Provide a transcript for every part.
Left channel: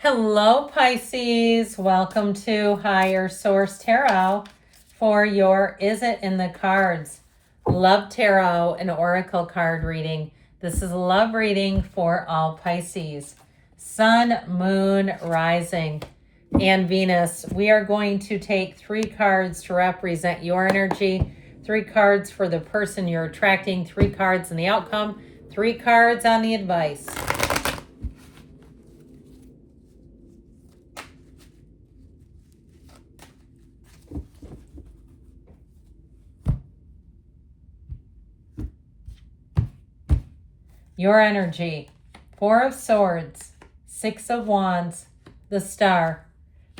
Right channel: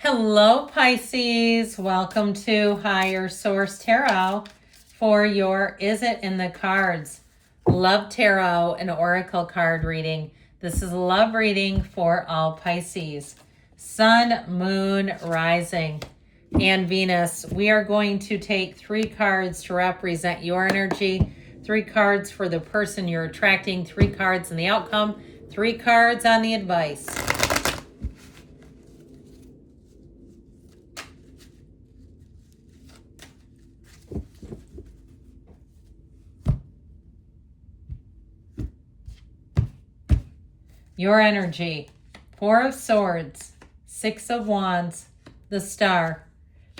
Hello, Pisces. Welcome to Higher Source Tarot for your Is It in the Cards Love Tarot and Oracle card reading. This is a love reading for all Pisces. Sun, Moon, Rising, and Venus. We are going to take 3 cards to represent your energy, 3 cards for the person you're attracting, 3 cards in the outcome, 3 cards on the advice. Your energy, 4 of Swords, 6 of Wands, the Star.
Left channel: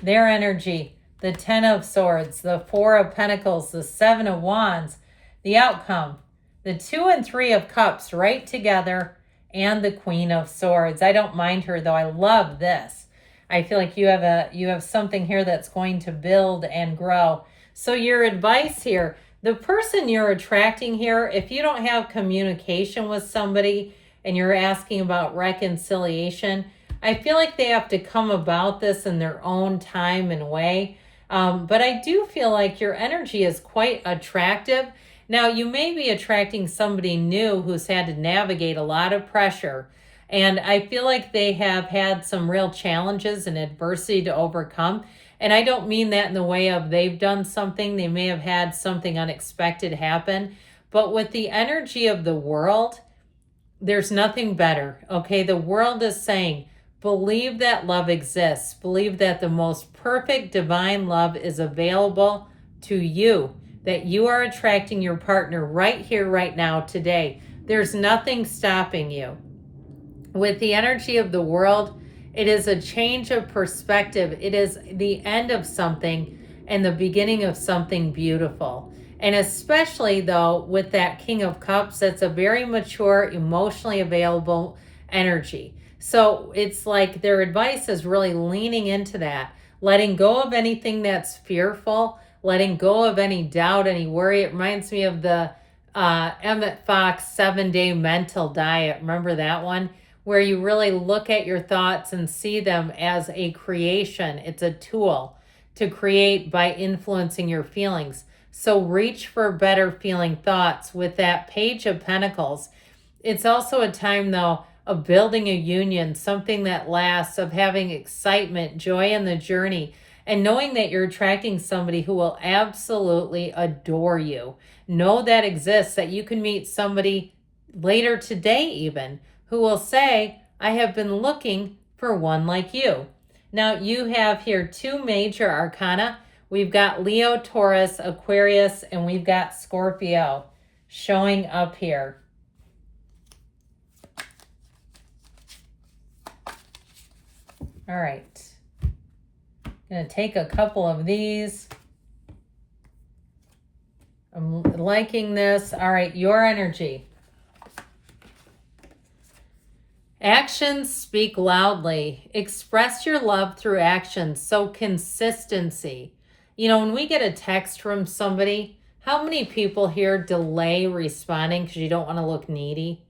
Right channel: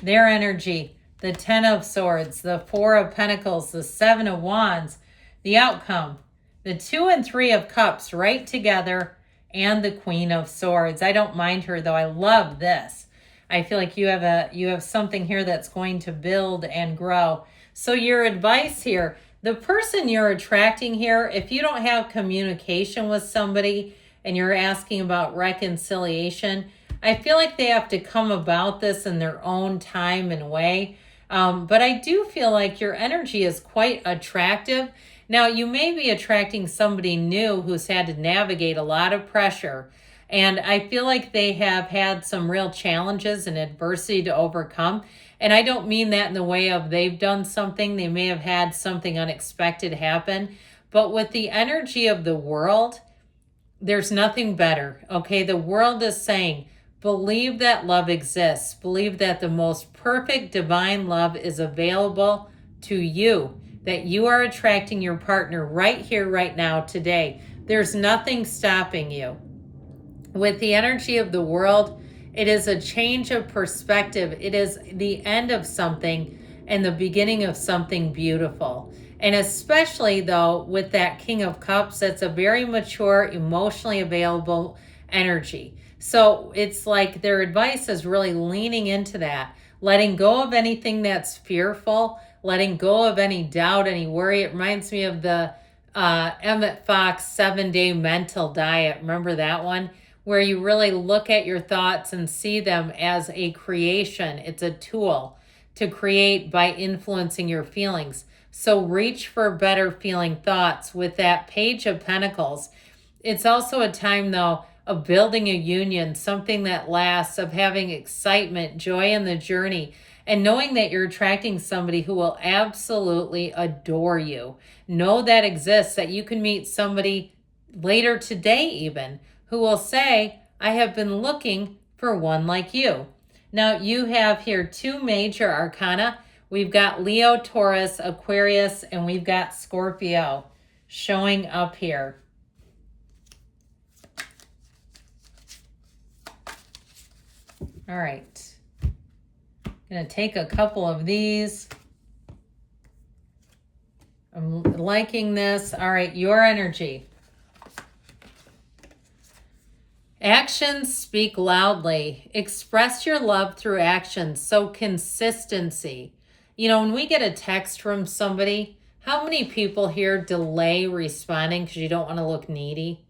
Their energy, the 10 of Swords, the 4 of Pentacles, the 7 of Wands. The outcome, the 2 and 3 of Cups right together, and the Queen of Swords. I don't mind her though. I love this. I feel like you have something here that's going to build and grow. So your advice here, the person you're attracting here, if you don't have communication with somebody, and you're asking about reconciliation, I feel like they have to come about this in their own time and way. But I do feel like your energy is quite attractive. Now, you may be attracting somebody new who's had to navigate a lot of pressure. And I feel like they have had some real challenges and adversity to overcome. And I don't mean that in the way of they've done something. They may have had something unexpected happen. But with the energy of the world, there's nothing better, okay? The world is saying, believe that love exists. Believe that the most perfect divine love is available to you, that you are attracting your partner right here, right now, today. There's nothing stopping you. With the energy of the world, it is a change of perspective. It is the end of something and the beginning of something beautiful. And especially though, with that King of Cups, that's a very mature, emotionally available energy. So it's like their advice is really leaning into that, letting go of anything that's fearful, letting go of any doubt, any worry. It reminds me of the Emmett Fox 7-day mental diet. Remember that one? Where you really look at your thoughts and see them as a creation. It's a tool to create by influencing your feelings. So reach for better feeling thoughts with that Page of Pentacles. It's also a time, though, of building a union, something that lasts, of having excitement, joy in the journey, and knowing that you're attracting somebody who will absolutely adore you. Know that exists, that you can meet somebody later today even, who will say, I have been looking for one like you. Now, you have here 2 major arcana. We've got Leo, Taurus, Aquarius, and we've got Scorpio showing up here. All right. I'm going to take a couple of these. I'm liking this. All right, your energy. Actions speak loudly. Express your love through actions. So consistency. You know, when we get a text from somebody, how many people here delay responding because you don't want to look needy?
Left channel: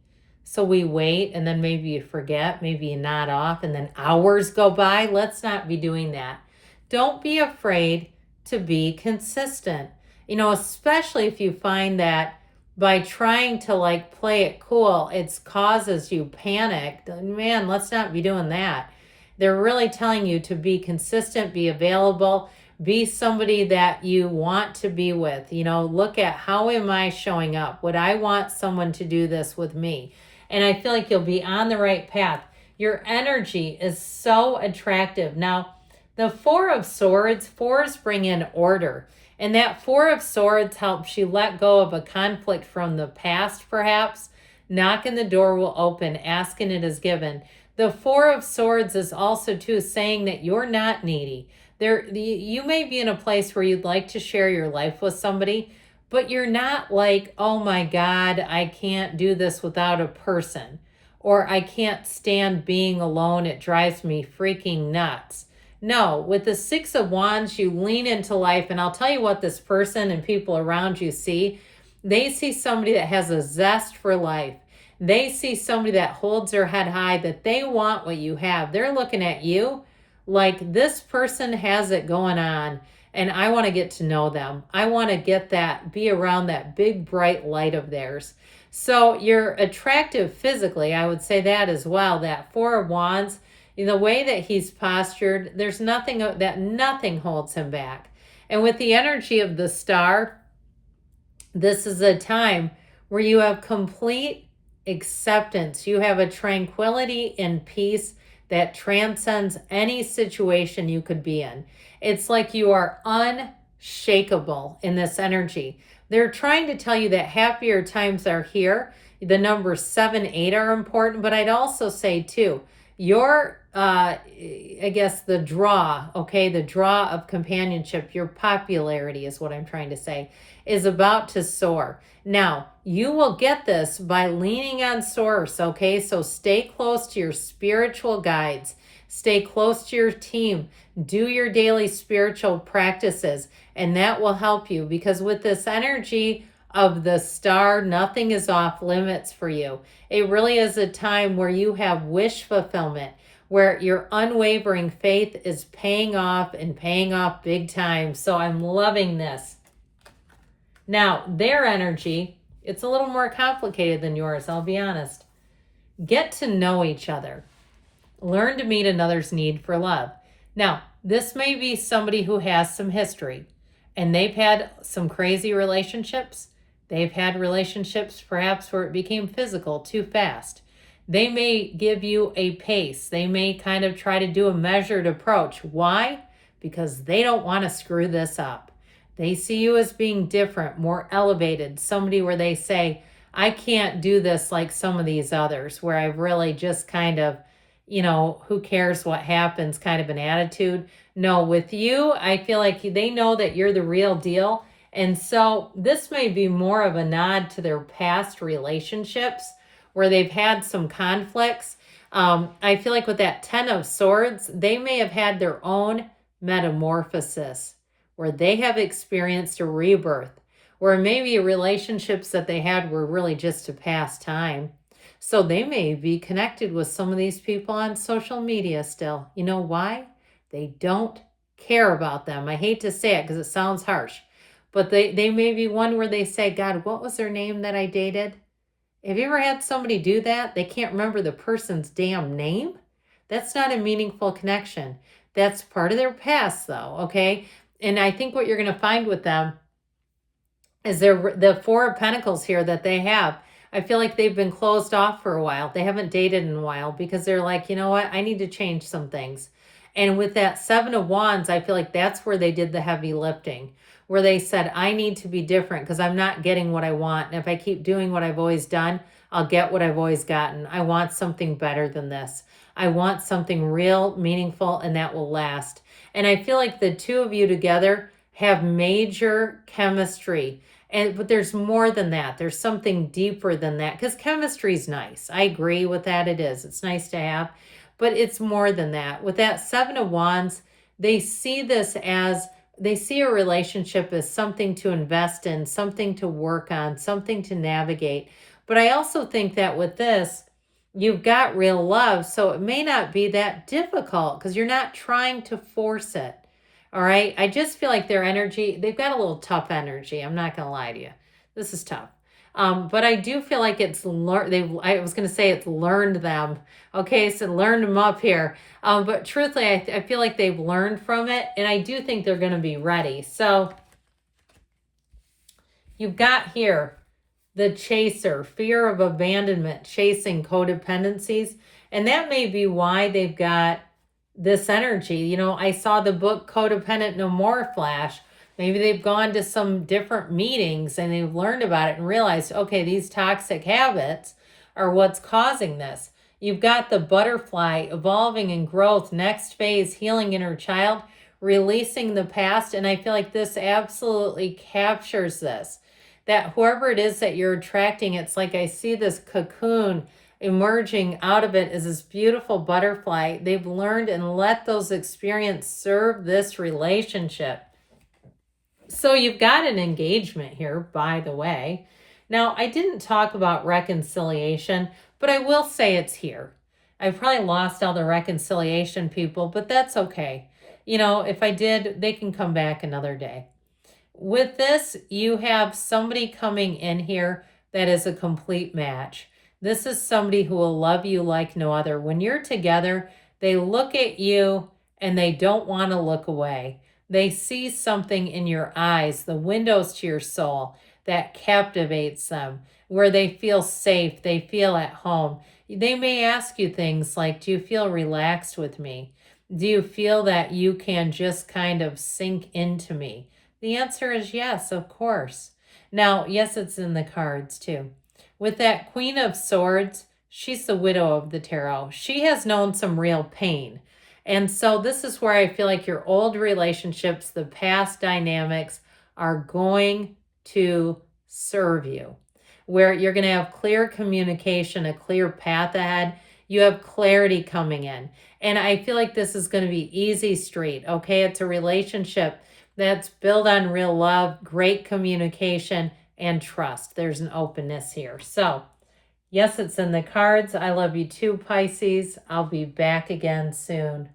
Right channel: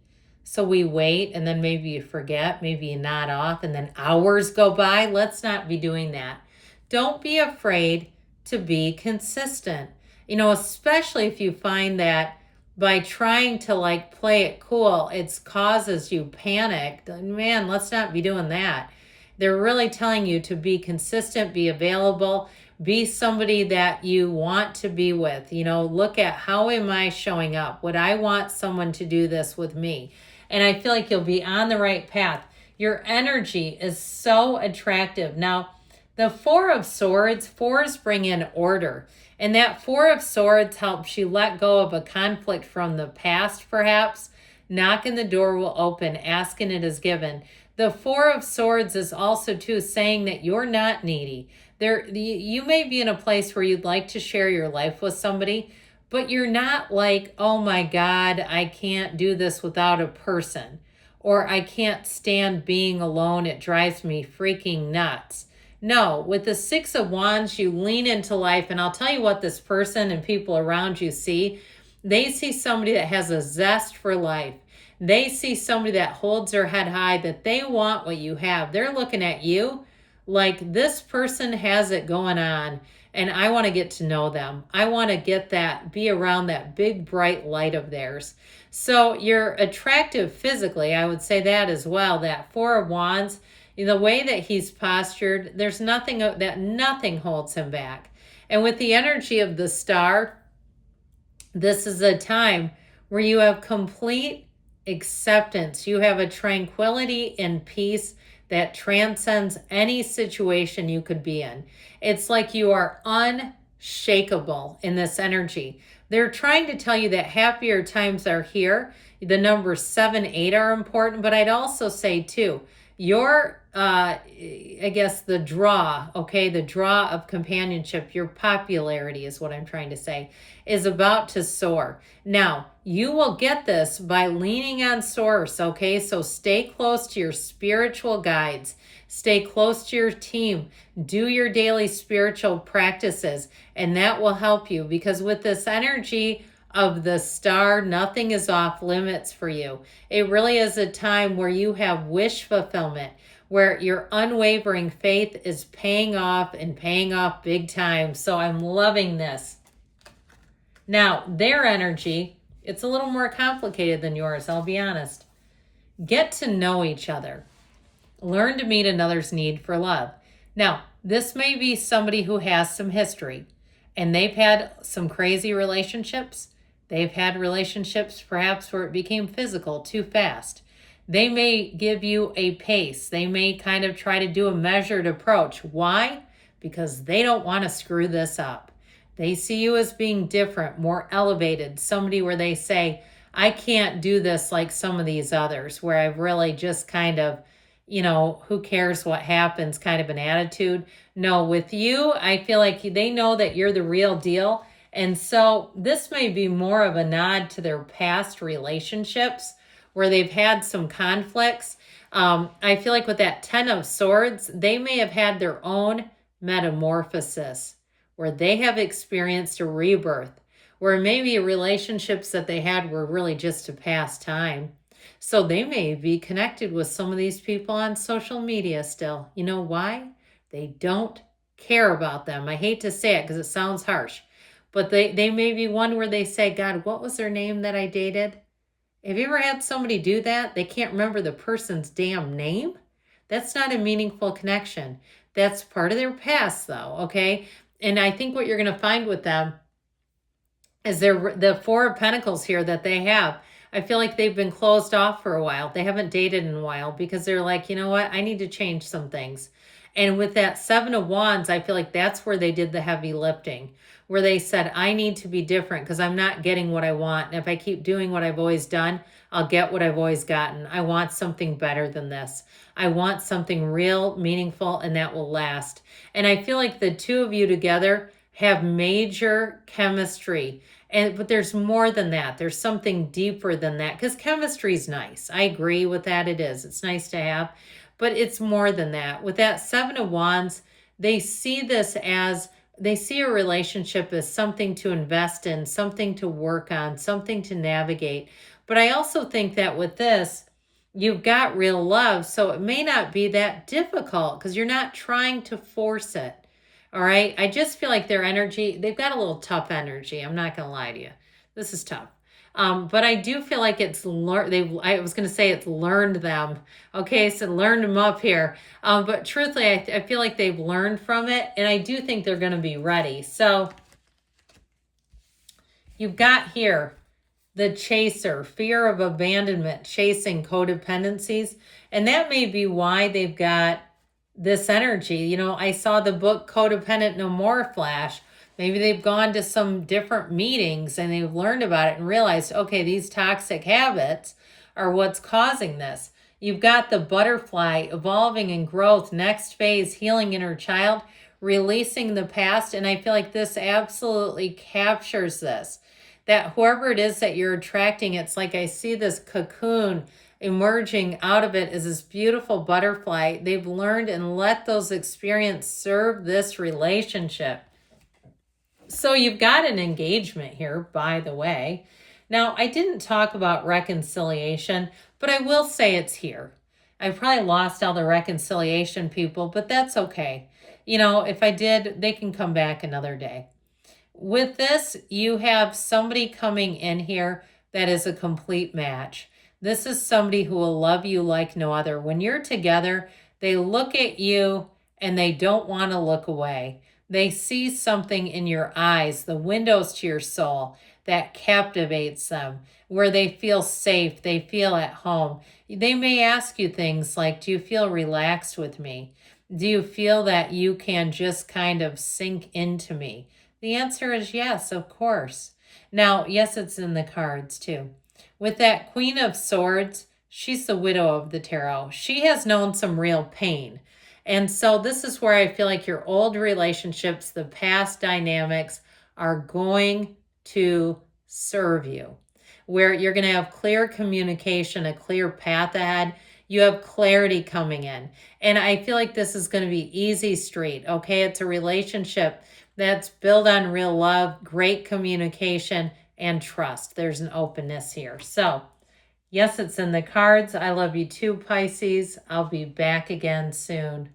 So we wait, and then maybe you forget, maybe you nod off, and then hours go by. Let's not be doing that. Don't be afraid to be consistent. You know, especially if you find that by trying to like play it cool, it causes you panic. Man, let's not be doing that. They're really telling you to be consistent, be available, be somebody that you want to be with. You know, look at, how am I showing up? Would I want someone to do this with me? And I feel like you'll be on the right path. Your energy is so attractive. Now, the 4 of Swords, 4s bring in order. And that 4 of Swords helps you let go of a conflict from the past, perhaps. Knocking the door will open, asking it is given. The 4 of Swords is also, too, saying that you're not needy. You may be in a place where you'd like to share your life with somebody, but you're not like, oh my God, I can't do this without a person. Or I can't stand being alone. It drives me freaking nuts. No, with the 6 of Wands, you lean into life. And I'll tell you what this person and people around you see. They see somebody that has a zest for life. They see somebody that holds their head high, that they want what you have. They're looking at you like this person has it going on and I want to get to know them. I want to be around that big bright light of theirs. So you're attractive physically. I would say that as well. That Four of Wands, the way that he's postured, there's nothing holds him back. And with the energy of the Star, this is a time where you have complete acceptance. You have a tranquility and peace that transcends any situation you could be in. It's like you are unshakable in this energy. They're trying to tell you that happier times are here. The numbers 7, 8 are important, but I'd also say too, your, I guess the draw, okay, the draw of companionship, your popularity is what I'm trying to say, is about to soar. Now, you will get this by leaning on source, okay? So stay close to your spiritual guides. Stay close to your team. Do your daily spiritual practices, and that will help you, because with this energy of the Star, nothing is off limits for you. It really is a time where you have wish fulfillment, where your unwavering faith is paying off and paying off big time. So I'm loving this. Now, their energy, it's a little more complicated than yours, I'll be honest. Get to know each other. Learn to meet another's need for love. Now, this may be somebody who has some history, and they've had some crazy relationships. They've had relationships perhaps where it became physical too fast. They may give you a pace. They may kind of try to do a measured approach. Why? Because they don't want to screw this up. They see you as being different, more elevated, somebody where they say, I can't do this like some of these others, where I've really just kind of, who cares what happens kind of an attitude. No, with you, I feel like they know that you're the real deal. And so this may be more of a nod to their past relationships where they've had some conflicts. I feel like with that 10 of Swords, they may have had their own metamorphosis, where they have experienced a rebirth, where maybe relationships that they had were really just a past time. So they may be connected with some of these people on social media still. You know why? They don't care about them. I hate to say it because it sounds harsh, but they may be one where they say, God, what was their name that I dated? Have you ever had somebody do that? They can't remember the person's damn name? That's not a meaningful connection. That's part of their past though, okay? And I think what you're going to find with them is the Four of Pentacles here that they have. I feel like they've been closed off for a while. They haven't dated in a while because they're like, you know what? I need to change some things. And with that Seven of Wands, I feel like that's where they did the heavy lifting, where they said, I need to be different because I'm not getting what I want. And if I keep doing what I've always done, I'll get what I've always gotten. I want something better than this. I want something real, meaningful, and that will last. And I feel like the two of you together have major chemistry. But there's more than that. There's something deeper than that, because chemistry is nice. I agree with that. It is. It's nice to have. But it's more than that. With that Seven of Wands, they see a relationship as something to invest in, something to work on, something to navigate. But I also think that with this, you've got real love, so it may not be that difficult because you're not trying to force it. All right. I just feel like their energy, they've got a little tough energy. I'm not going to lie to you. This is tough. But I do feel like it's I was going to say it's learned them. Okay. So learned them up here. But truthfully, I feel like they've learned from it, and I do think they're going to be ready. So you've got here the chaser, fear of abandonment, chasing codependencies. And that may be why they've got this energy. I saw the book Codependent No More flash. Maybe they've gone to some different meetings and they've learned about it and realized, okay, these toxic habits are what's causing this. You've got the butterfly, evolving and growth, next phase, healing inner child, releasing the past. And I feel like this absolutely captures this, that whoever it is that you're attracting, it's like I see this cocoon emerging out of it is this beautiful butterfly. They've learned and let those experiences serve this relationship. So you've got an engagement here, by the way. Now, I didn't talk about reconciliation, but I will say it's here. I probably lost all the reconciliation people, but that's okay. You know, if I did, they can come back another day. With this, you have somebody coming in here that is a complete match. This is somebody who will love you like no other. When you're together, they look at you and they don't want to look away. They see something in your eyes, the windows to your soul, that captivates them, where they feel safe, they feel at home. They may ask you things like, do you feel relaxed with me? Do you feel that you can just kind of sink into me? The answer is yes, of course. Now, yes, it's in the cards too. With that Queen of Swords, she's the widow of the tarot. She has known some real pain. And so this is where I feel like your old relationships, the past dynamics are going to serve you, where you're going to have clear communication, a clear path ahead. You have clarity coming in. And I feel like this is going to be easy street, okay? It's a relationship that's built on real love, great communication, and trust. There's an openness here. So, yes, it's in the cards. I love you too, Pisces. I'll be back again soon.